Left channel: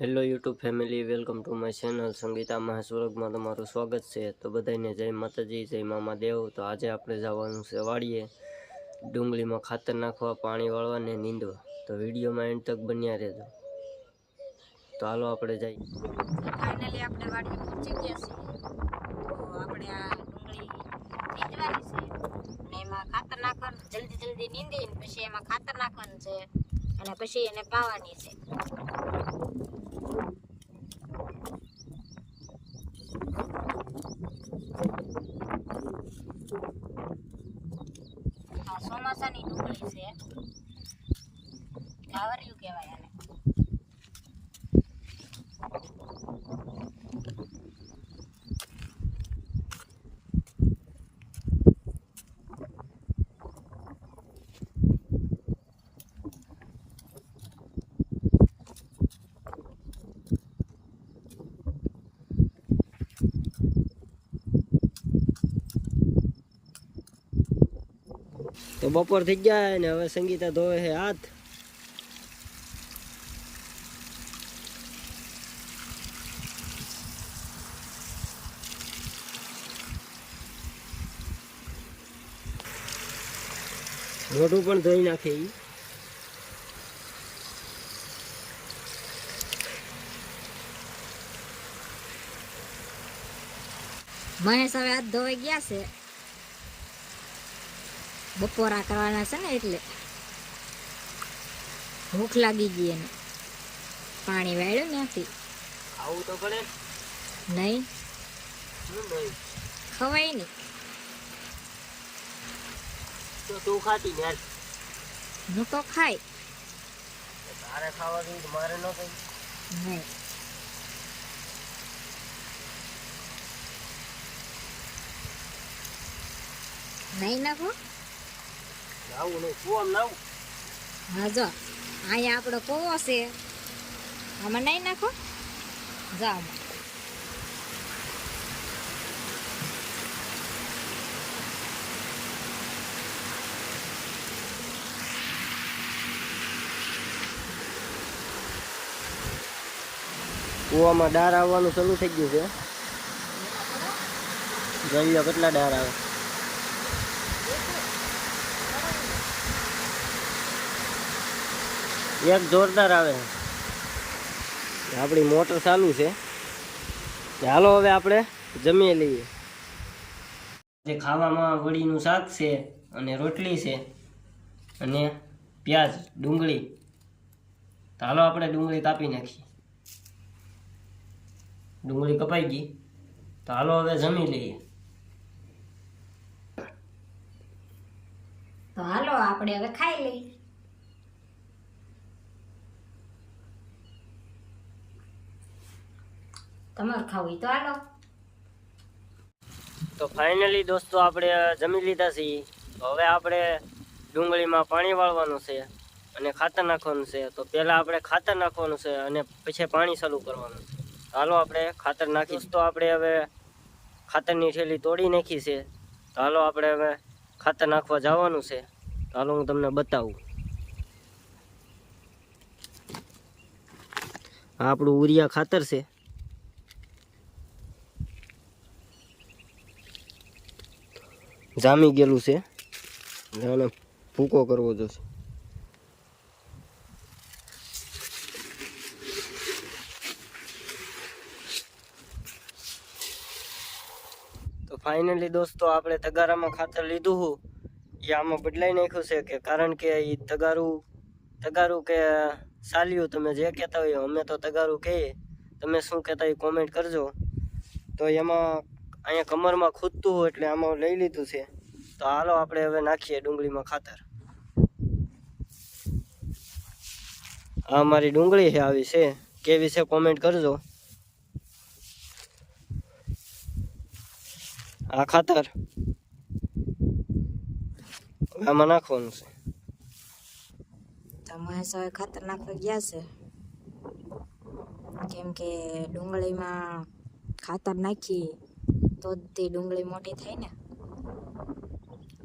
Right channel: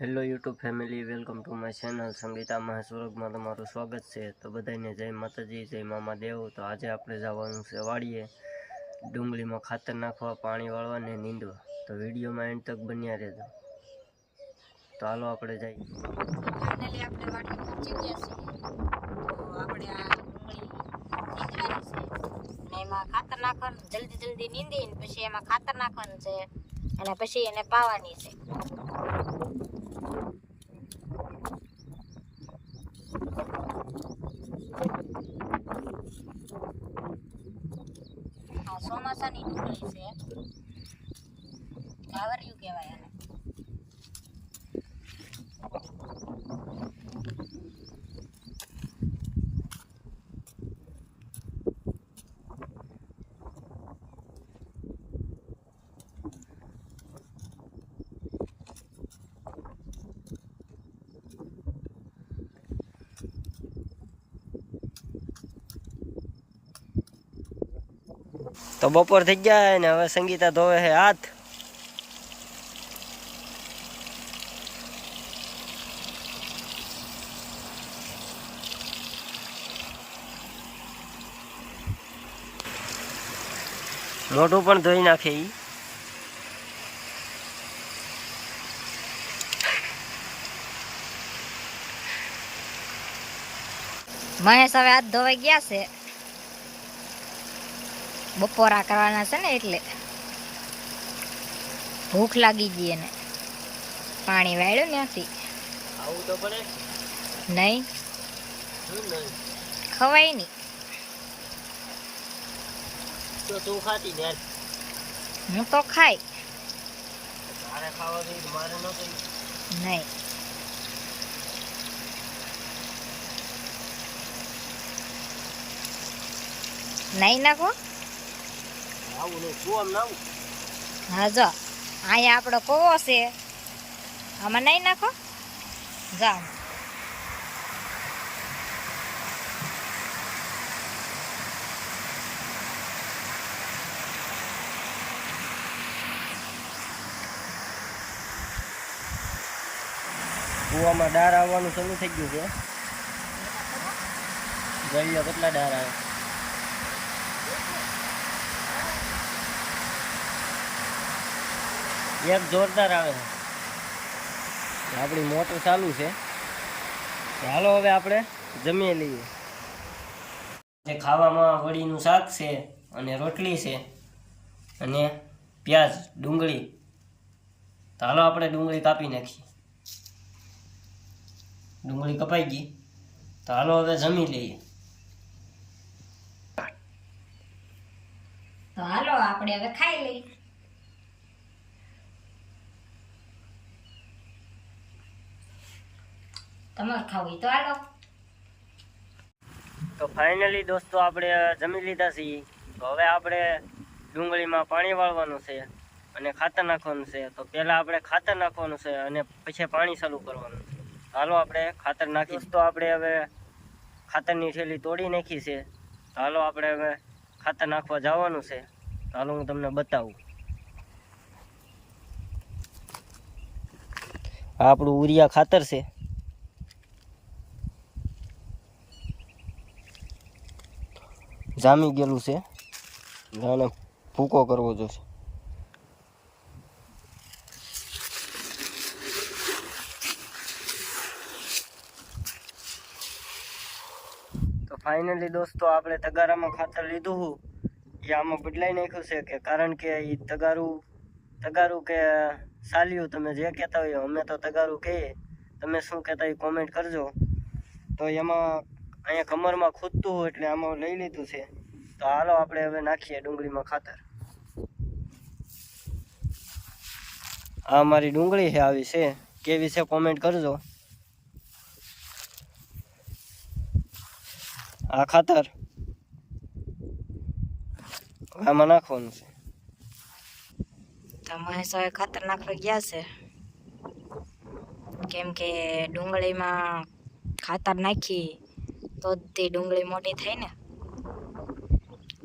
Hello YouTube family, welcome to my channel Sangeeta મહાસ્વર્ગમાં તમારું સ્વાગત છે. તો બધાને જય માતાજી, જય મામા દેવ. તો આજે આપણે જવાનું છે વાડીએ. ડુંગળીમાં ખાતર નાખવા, પાણી વાળવા ને નીંદવા. તો વિડીયોમાં એન્ડ તક બન્યા રહેજો. તો હાલો આપણે જઈએ. એમાં ખાતર નાખવાનું, જલ્દી જલ્દી નીંદી ને પછી એમાં ખાતર નાખવાનું છે. અને પછી એને પાવાની છે. આ ચોમાસાની ડુંગળી છે. ગાવરિયું કહેવાય આને. તો બપોર થઈ ગયા ને હવે સંગીતા ધોવે છે હાથ. મોઢું પણ ધોઈ નાખે ઈ. મહેશ હવે હાથ ધોવાઈ ગયા છે. બપોરા કરવાના છે ને એટલે. ભૂખ લાગી ગઈ એને. પાણી વાળ્યું ત્યાંથી ખાવું તો પડે. નહીં. ખવાય નહીં. તો તું ખાતી ને હું તો ખાઈ. તારે ખાવા ગઈ મારે ન ગઈ નહીં. નહીં નાખો આવું નહીં તું આમ નાવું હા જો. અહીંયા આપણો કોવો છે. આમાં નહીં નાખો? જાઓ કૂવામાં ડાર આવવાનું શરૂ થઈ ગયું છે. જોઈ લો કેટલા ડાર આવે. એક જોરદાર આવે. આપણી મોટર ચાલુ છે. કે હાલો હવે આપણે જમી લઈએ. જે ખાવામાં વડીનું શાક છે અને રોટલી છે અને પ્યાજ ડુંગળી. તો હાલો આપણે ડુંગળી કાપી નાખીએ. ડુંગળી કપાઈ ગઈ. તો હાલો હવે જમી લઈએ. તો હાલો આપણે હવે ખાઈ લઈએ. તમારે ખાવું તો હાલો. તો ફાઇનલી દોસ્તો આપણે જમી લીધા છીએ. તો હવે આપણે ડુંગળીમાં પાણી વાળવાનું છે અને ખાતર નાખવાનું છે. તો પહેલાં આપણે ખાતર નાખવાનું છે અને પછી પાણી ચાલુ કરવાનું. છે હાલો આપણે ખાતર નાખી. દોસ્તો આપણે હવે ખાતરની થેલી તોડી નાખી છે. તો હાલો આપણે હવે ખાતર નાખવા જવાનું છે. તો હાલો હું તમને બતાવું. આપણું ઉરિયા ખાતર છે. જામી ગયેલું છે. જાણે ભૂકો કરવો જોશે. તો ફાઇનલી દોસ્તો, આપણે તગારામાં ખાતર લીધું હું. એ આમાં બદલાઈ નાખ્યું છે કે કારણ કે એ તગારું તગારું કે સાલ્યું તમે જે કહેતા હોય, અમે તો તગારું કહીએ. તમે શું કહેતા એ કોમેન્ટ કરજો. તો એમાં અહીંયા કમરમાં ખૂદતું એટલે આમાં લઈ લીધું છે. તો હાલો આપણે હવે નાખીએ ડુંગળીમાં ખાતર. આ મારી ડુંગળી છે આવી છે. કેવી છે કોમેન્ટ કરજો. આ ખાતર આમાં નાખવાનું છે. તમારે ખાતર નાખવા ગયા છે. કેમ કે ડુંગળીમાં ખાતર નાખી તો તે ડુંગળી મોટી થાય ને.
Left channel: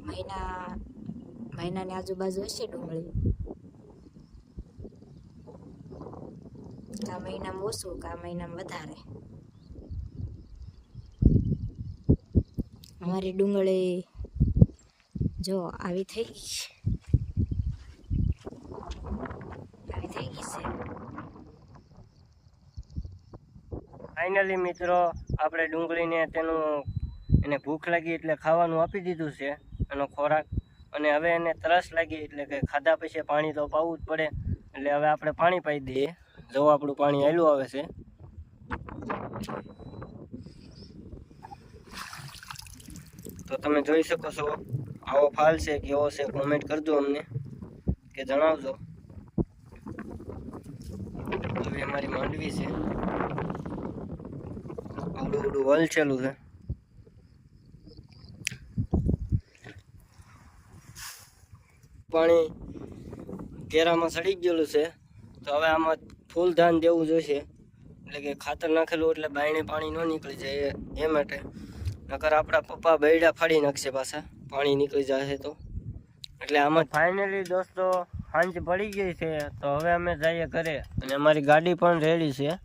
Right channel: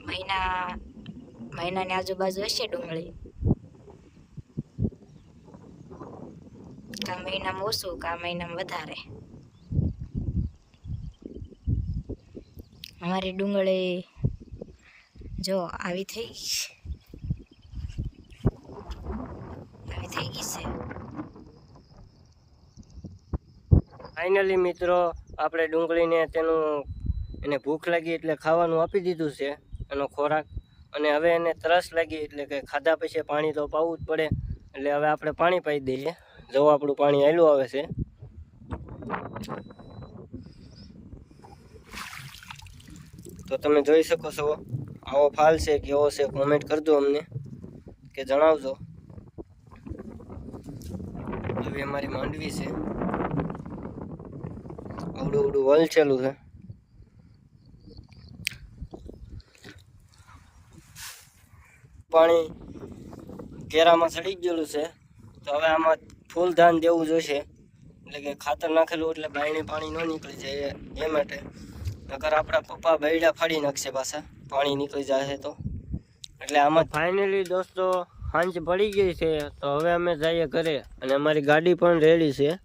મહિના, મહિનાની આજુબાજુ હશે ડુંગળી. કા મહિનામાં ઓછું, કા મહિનામાં વધારે. અમારી ડુંગળી જો આવી થઈ ગઈ આવી થઈ ગઈ છે. ફાઇનલી મિત્રો આપણે ડુંગળીને તેનું એને ભૂખ લાગી એટલે ખાવાનું આપી દીધું છે, એનો ખોરાક. અને હવે એને તરસ લાગી એટલે કે ખાધા પછી પાણી તો પાવું જ પડે. એટલે હવે આપણે પાણી પાઈ દઈએ. જો આપણું પાણી આવેલું આવે છે. તો તમે જોઈ શકો છો, આવો ફાલ છે કેવો છે કોમેન્ટ કરજો અમને, કે જણાવજો. આવી અમારી માંડવી છે. આવડું આવડું વલચેલું છે. પાણી કેરામાં સડી ગયેલું છે. તો હવે આમાં ફૂલ ધાન દેવું જોઈશે. એટલે કે ખાતર નાખેલું એટલે બાયણે પાણી ન નીકળી જાય એ- માટે. નકર આપણા પપ્પા બૈડા ફાડી નાખશે પાછા. પાણી નીકળી જાય તો. એટલે આમાં ફાઇનલી દોસ્તો સાંજ પડી ગઈ છે. તો હવે અમે જઈએ ઘરે. અને અમારી ગાડી પણ રેડી છે.